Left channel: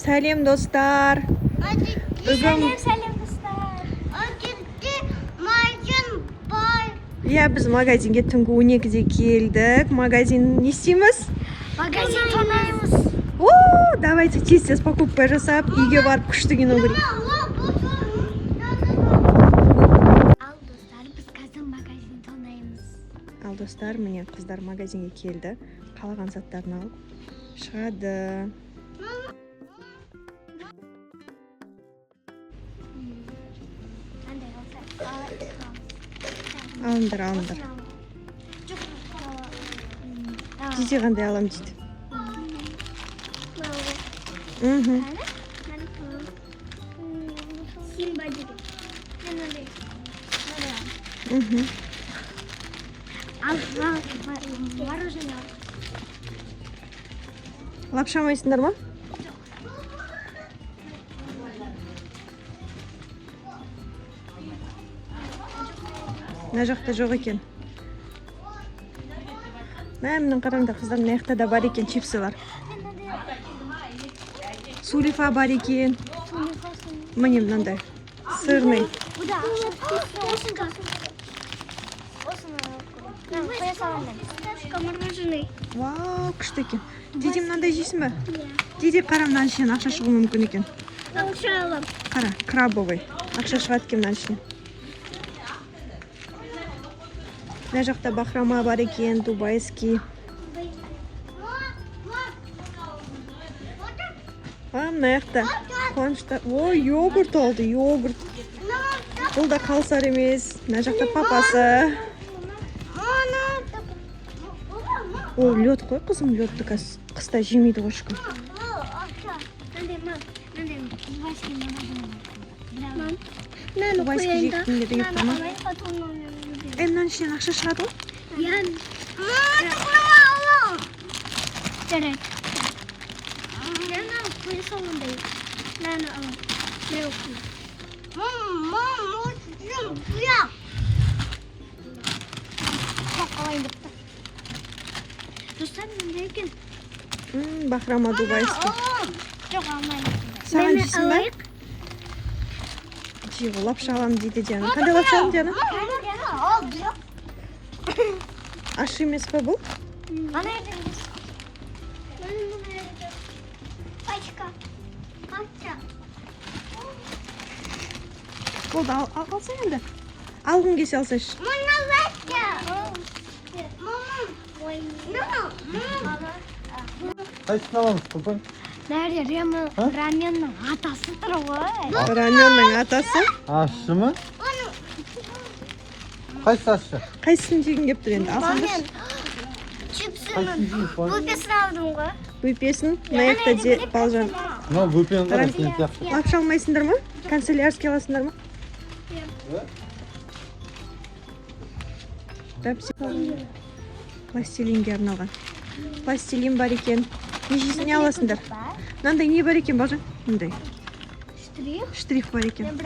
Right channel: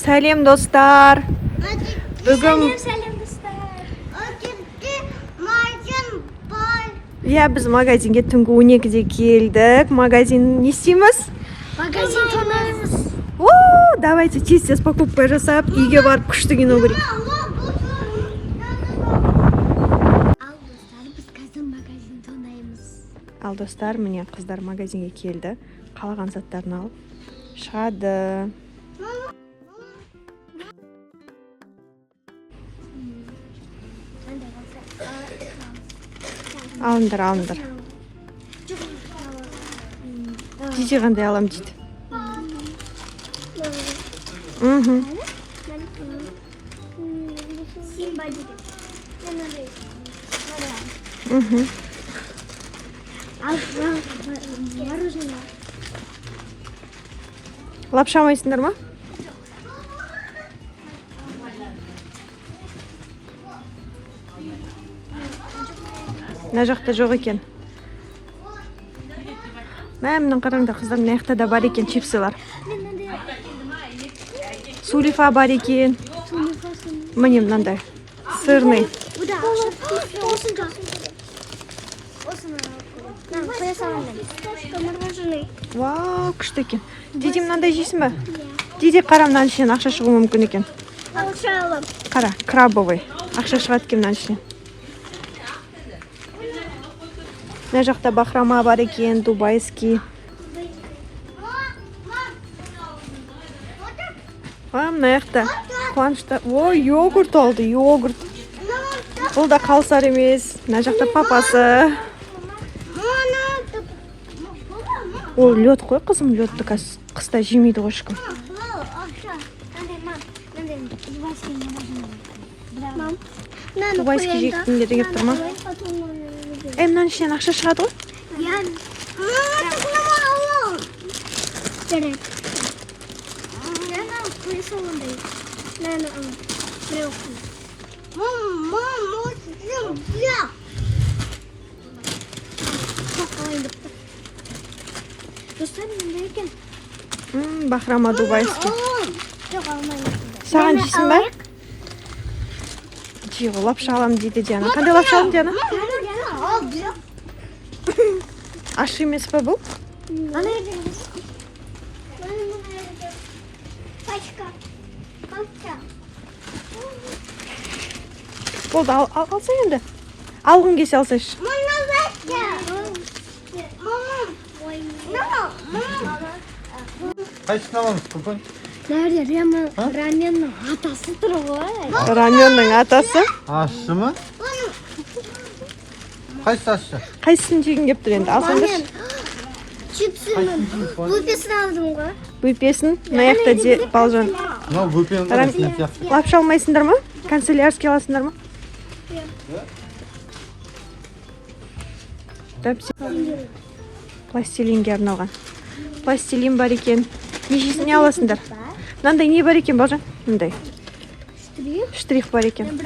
Сәлем достар. Бүгін біз магазинге түнгі 12-де келдік. Магазин не істейміз? Магазин тонаймыз. Давайте тез покупка жасап, үйге барып күшті кино көрейік. Ал достар, міне қыздар магазинге келді. Қалаған заттарын алып шығады. Алыңдар. Диде қандай алам дейді. Лапша алмайсыңдар ма? Мына жақта жоқ екен. Мәмнің қараңда қыздар, мына жақта да бар екен, чипсылар. Сулифа бар екен. Міне мынандай. Сырный. Вау, күшті екен. Диде мынандай жейсің бе? Диде қара мынан ішінен ақша шығуы мүмкін екен. Ақша алам. Қара, крабовый. Ақша шығады екен мынан ішінен. Мына жақта бахрама бар екен, дубайский. Мына жақта қуанышта. Йогурт алды, йогурт. Бұл да қалсар емес. Мына жақта папасы. Ол лед қой, қызым, ледті қыста жемейді ғой ешкім. Дубайский жегітін деді кеп тұр ма? Мынан ішінен ақша шығады ғой? Бахрама дубайский. Саған жейсің бе? Жиғы, лапша алам дейді Диана. Қандай лапша алам, Диана? Аш емес пе бұл? Болды, алса енді. Алғын кесе алсайшы. Қайсыны аламыз, күкіл? Nerede? Ramen'in atasıdır o. Раменнің атасы. Ащы ма? Қайсы ащы? Қайсысын жегін кеп тұр енді? Алсаңдаршы. Чипсinin bupesini aldım ғой. Бөпесін, мына жақта балжан. Лапша алмайсыңдар ма? Канцелярский аласыңдар ма? Пластилинге арналған. Пластилин бар екен. Нешесіне аласыңдар? Мынандай не бар екен, балжан? Мындай. Штрих бар екен.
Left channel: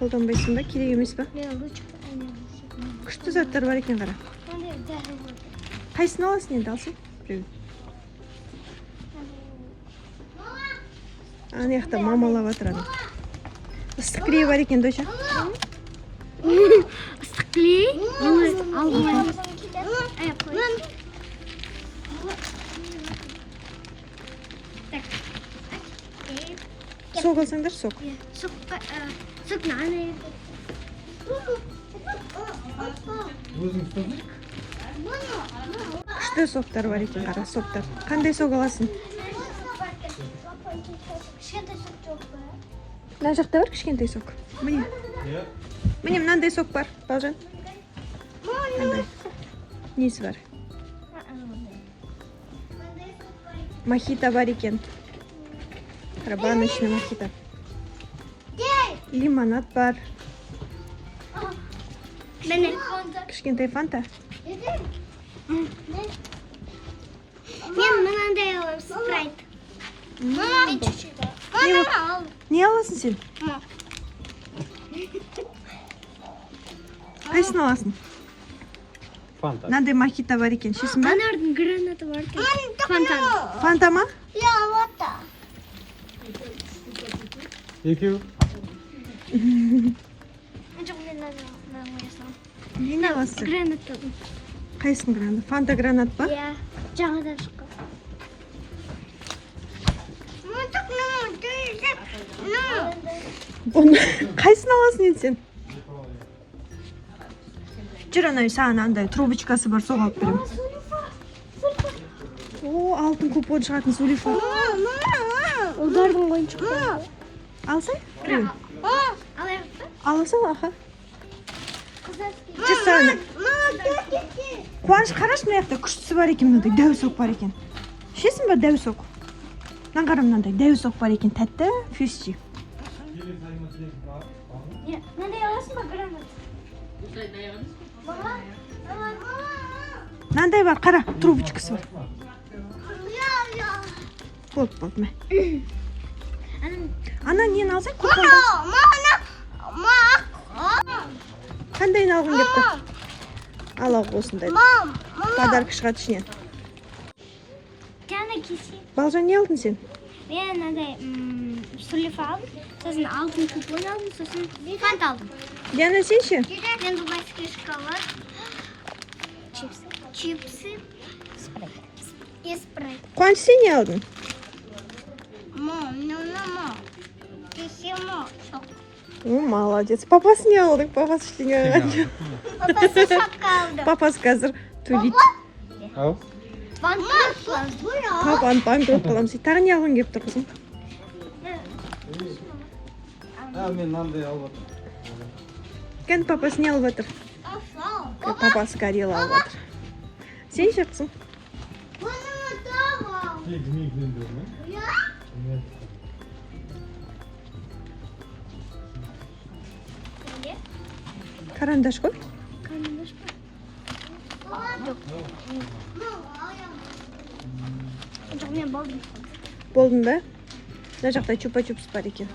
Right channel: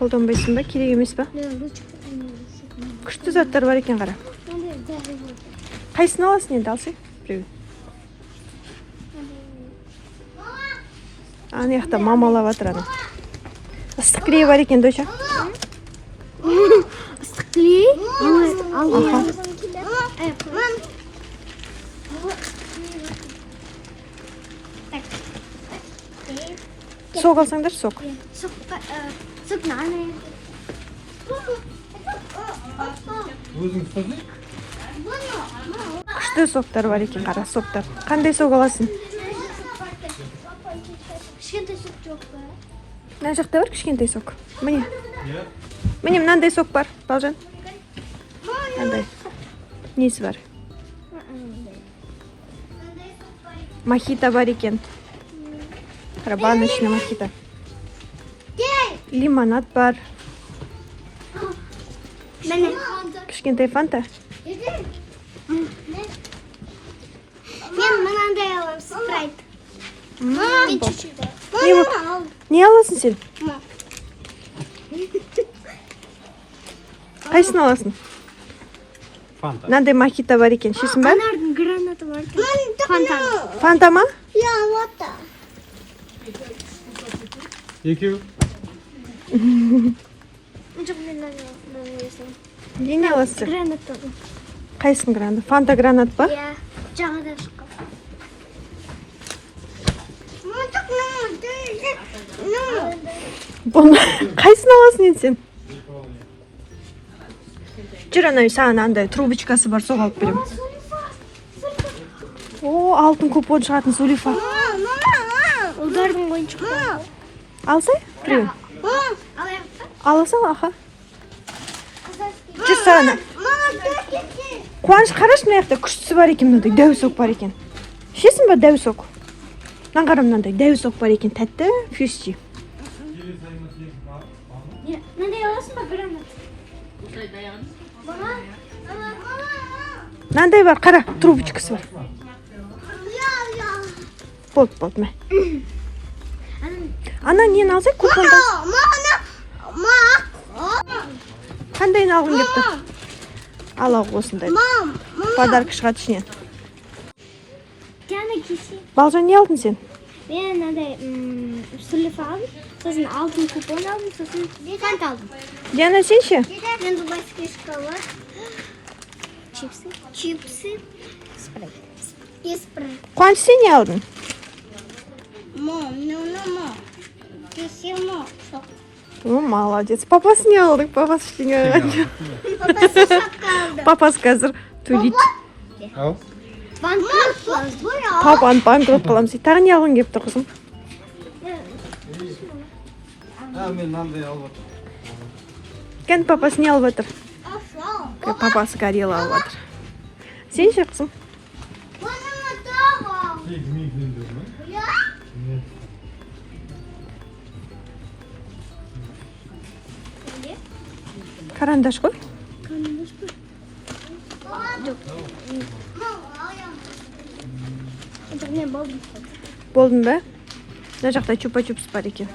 Қолданбайсың ба? Керек емес па? Күшті заттар бар екен, қара. Қайсыны аласың енді, алсай? Біреу. Ана жақта мамалап атыр ана. Ыстық клей бар екен, дойша. Islık kley. Al. Сок алсаңдар, сок. Сок наны. Өзің ұстазы? Күшті соктар бар екен, қара соктар. Қандай сок аласың? Кішкентай сок жоқ па? Мына жақта бар кішкентай сок. Міне. Міне мынандай сок бар, балжан. Мынандай. Несі бар? Мохито бар екен. Баночный мохито. Лимонад бар. Кішкентай фанта. Мен мынандай алам, спрайт. Не аласың сен? Қайсысын аласың? Фанта. Мынандай макита бар екен. Ішесің ба? Анардың гранаты бар. Фонтан. Фанта ма? Я вот так. Екеу. Жоқ, мен мынаны ойысам. Не аласың? Гранат табым. Қайсың гранат? Фанта гранат па? Иә, жаңадан шыққан. Бұны қайсын аласың енді сен? Жүр, ана саған андай трубочкасы бар, соға алып беремін. О, алтын купон шығатын Сулифа. Ұлдардың ойыншықтары. Алсай? Біреу. Алаяқты. Аласың, аха. Жүр саған. Қуаныш, қарашы мына жақта күштісі бар екен, мынандай дәуісок бар екен. Ішесің ба дәуісок? Мынаған қара, мынандай дәуісок бар екен, тәтті, фьюсчи. Мынандай аласың ба гранат? Мынандай бар, қара, трубочкасы бар. Болды, мә. Ана нені алсай, купонда? Қандайын алғың кеп тұр? Ал ау осындай. Подарка шығады ішінен. Диана кесе. Балжан, не алдың сен? Мен мынандай Сулифа алдым. Сосын алтын купон алдым, сосын фанта алдым. Диана, сен ше? Мен дубайский шоколад. Чипсы. Спрайт. И спрайт. Қуаныш, сен не алдың? Мам, Кесемо. О, молодец. Папасы не алдың? Папасы ештеңе алған. Папасы шапка алды. Папасы қазір төлейді. Ал. Папаны банкрот қыламыз. Тағы не алғың кеп тұр, қызым? Мен мынандай алып отырмын. Кән папасы не алып отыр? Папасы горело алып отыр. Сен ше, қызым? Карандаш қой. Жоқ, мен болдым. Болдың ба? Мына жақта чупа-чупс бар екен.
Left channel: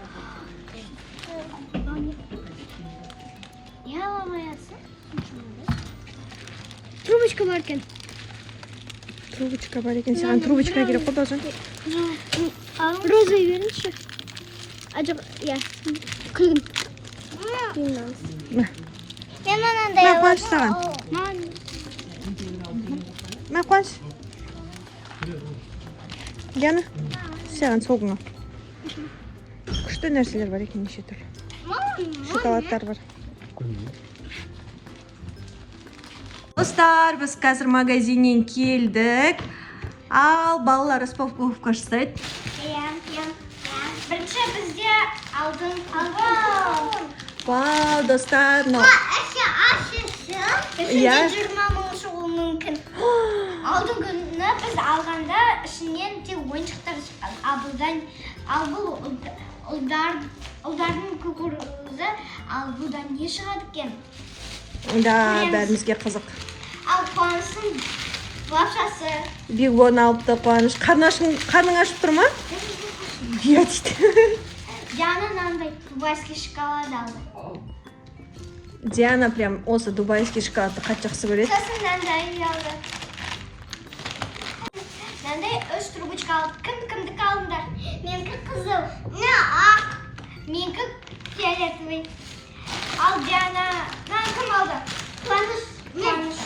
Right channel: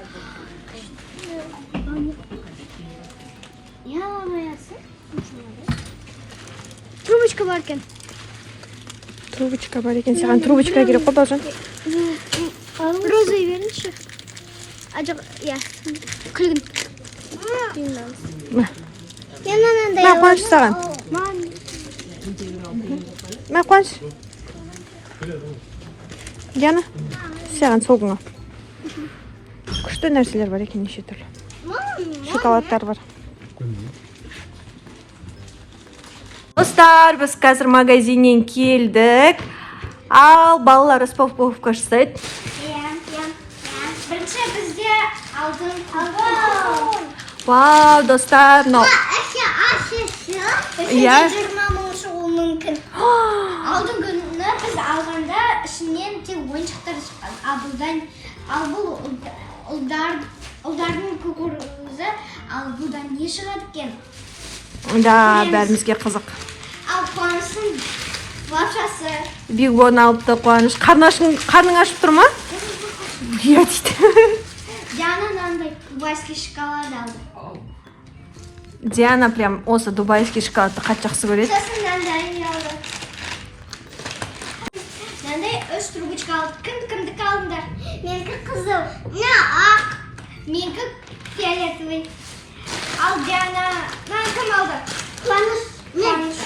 Я аламаясың. Трубочка бар екен. Трубочка бар екен. Саған трубочка керек қой, Балжан. Розы беріңізші. Жоқ, иә. Күлгін. Мә, Мен мынандай мә Қуаныш саған. Мә Қуаныш. Диана, саған соғыңа. Күшті нәрселер бар екен, неше түрлі. Шоколадтар бар. Достар, біз қазір магазиннен келдік. Ал балалар распаковка жасайды. Бірінші бізде алдын. Вау, достар, но. Иә. 20 мың шығуы мүмкін. Алдын күні біз алғанда ішінен тек ойыншықтар шыққан. Ал бұл ұлдардың күкірізі, ал бұдан не шығады екен? Да, бәрімізге қызық. Ал Қуаныштың лапшасы. Бигон алыпты Қуаныш. Қарның ашып тұр ма? Иә дейді. Диана мынандай дубайский шоколад алды. Диана прям осы дубайский шоколадты қатты жақсы көреді. Сосын мынандай алды. Мынандай 3 трубочка алды. Кімдікі алдыңдар? Менікі қызыл. Ақ. Менікі фиолетовый. Ал Диана кім алды? Қуаныш.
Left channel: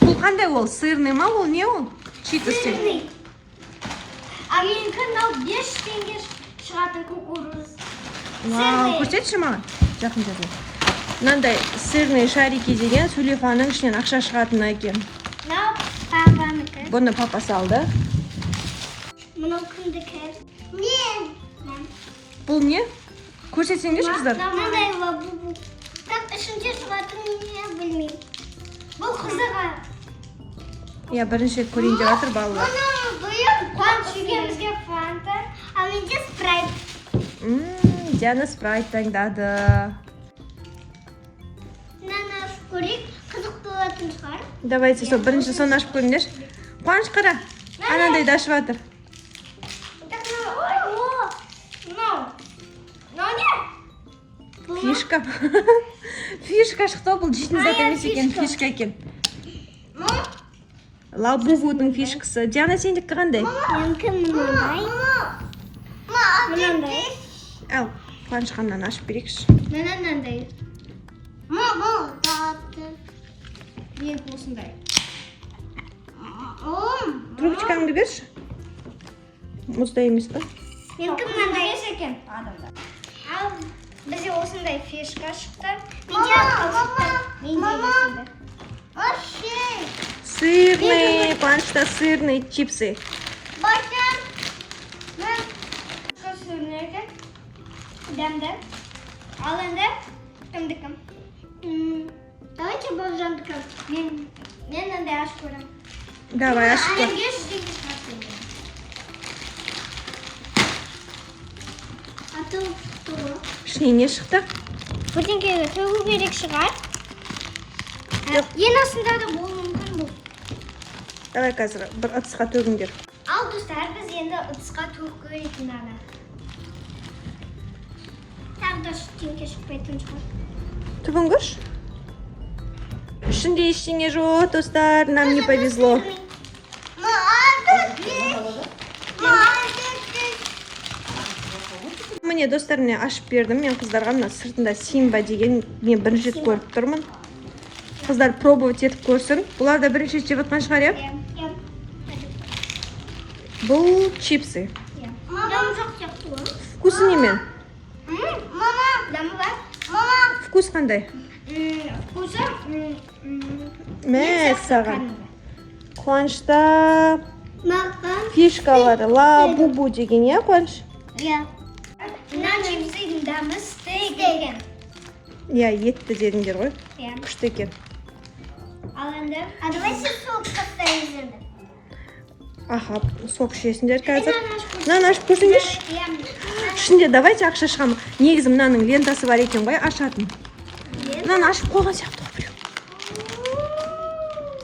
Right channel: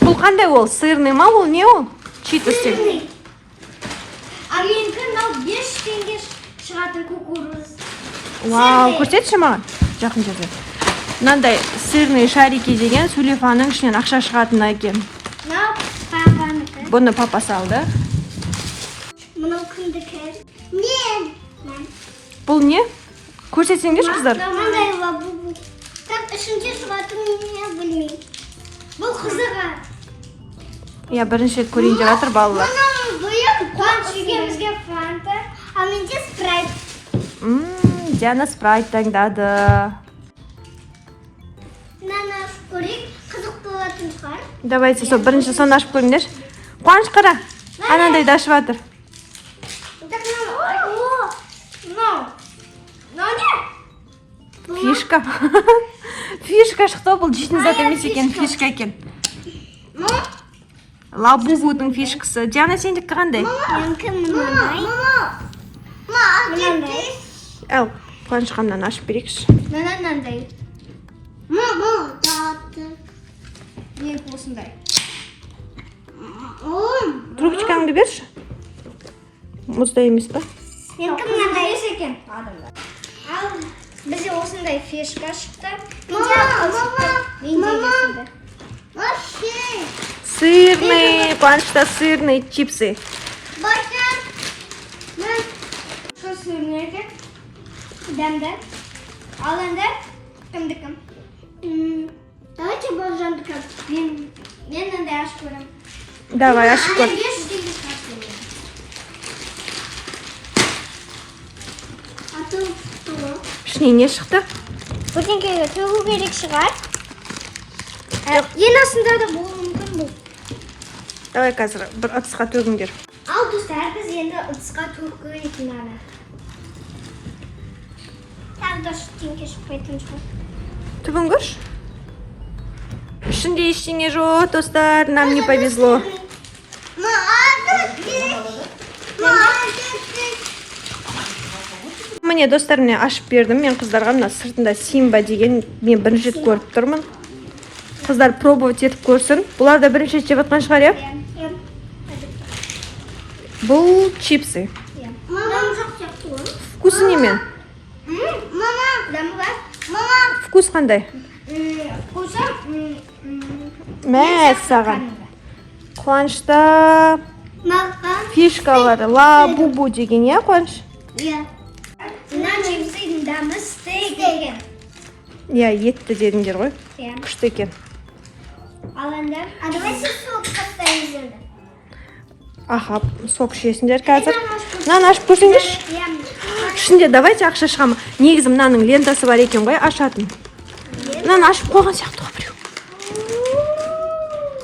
Бұл қандай ол? Сырный ма ол? Не ол? Читостен. А менікі 5 теңге шығатын кукуруз. Вау, көрсетші маған. Жақын жерде. Мынандай сырный шарики деген Сулифаның ішінен ақша шығатын екен. Папанікі. Бұны папасы алды. Мынау кімдікі? Мен. Бұл не? Көрсетсеңдерші қыздар. Мындай лабубу. Так, ішінде шығатын не білмеймін. Бұл қызыға. Иә, бірінші рет көрейін деп жатыр балалар. Қуаныш үйгемізге фанта, а менде спрайт. Диана спрайт таңдады. Мынаны көрейік, қызық болатын шығар. Давайте, сол бірінші соны ашып көріңдер. Қуаныш қара. Анандай да ашып жатыр. Фишка. Фишка шықты, бұл жейтін зат емес екен, фишка екен. Лабубудың фишкасы. Диана, сендікі қандай? Менікі мынандай. Мынандай. Әл, қуанышқаннан ашып берейікші. Мынандай. Менікі осындай. Трубочкаңды берші. Мұзда емес па? Менікі мынандай екен. Ал бізде осындай фишка шықты. Менде осындай. Сырный, қуанышта сырный чипсы. Что сырный екен? Дәмді. Ал енді кімдікім? Давайте Бауыржандікім. Мен мынандай ашып көрем. Давай, ашып көр. Ішіне не шықты? Бірдеңкеге төгу керек шығар. Ең астында да болуы мүмкін бұл. Давай қазір бір ыдысқа төгіңдер. Ал достар, біз енді ыдысқа төгіп көретін ана. Тағы да ештеңке шықпайтын шығар. Төгіңгіш. Ішінде ештеңе жоқ, достар, нам не повезло. Міне достар, мен ашып бердім. Мен қыздарға мына сыртында Симба деген мен бірінші рет көріп тұрмын. Қыздар пробовать етіп көрсін. Бұлар да бірінші рет жеп жатқан шығар, иә? Бұл чипсы. Вкусы немен? Дәмі бар? Вкус қандай? Вкусы? Мә, саған. Қуанышта фишкалары лабубу деген, иә, Қуаныш? Иә. Мына чипсыдың дәмі стейк екен. Иә, етті дедіңдер ғой. Иә. Күшті екен. Ал енді. Давайте сок поставимыз енді. Аха, сок ішесіңдер қазір. Мынаны ашып көрсеңдерші. Ішінде давайте ақша шығамы. Негізі мынаның лентасы бар екен ғой, ашатын. Мынаны ашып қойған сияқты ғой біреу.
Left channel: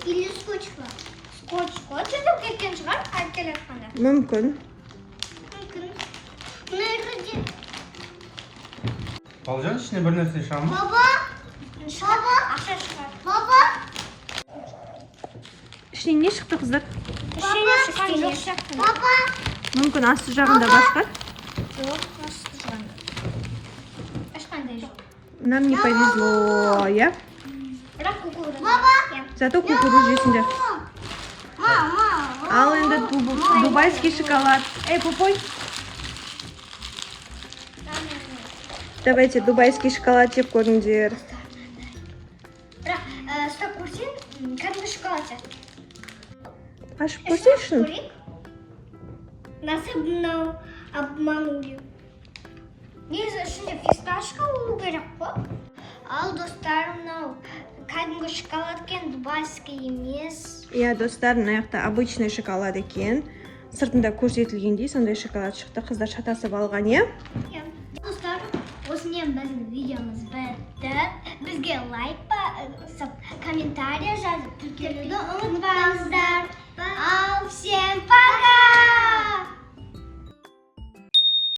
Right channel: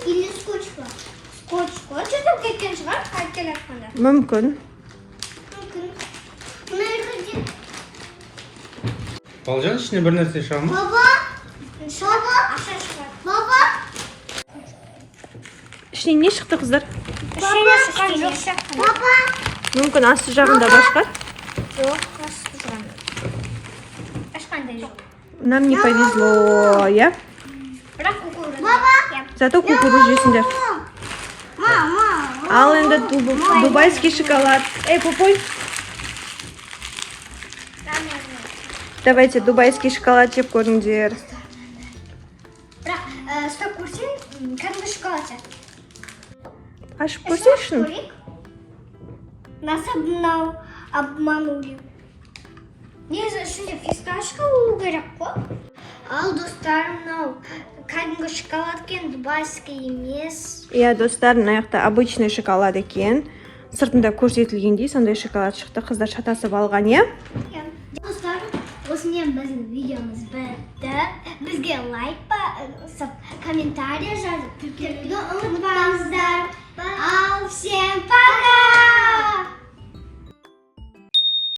Или скотч па? Скотч там кеткен шығар, қайтып жатқанда. Мүмкін. Балжан, ішіне бір нәрсе шыға ма? Ақша шығар. Ішіне не шықты, қыздар? Ішіне шыққан жоқ сияқты. Мүмкін асты жағында бар шығар. Жоқ, асты жағында. Ашқандай жоқ. Нам не повезло, иә? Бірақ кукуруза. Зато кукуруз жесіңдер. Ал енді дубайский шоколад. Эй, пупой. Давайте дубайский шоколад жеп көріңдер. Бірақ ұстап көрсең, кәдімгі шоколад сияқты. Ашып көрсеңшін. Насып мынау обманули. Негізі ішінде фисташка болу керек қой. Ал достар, мынау кәдімгі шоколад екен, дубайский емес. Иә, достар, мына жақта обычный шоколад екен. Сыртында көрсетілгендей сондай шоколад шықты. Қыздар шатасып алған, иә? Достар, осымен біздің видеомыз бітті. Бізге лайк басып, комментария жазып, тіркелуді ұмытпаңыздар. Ал, всем пока!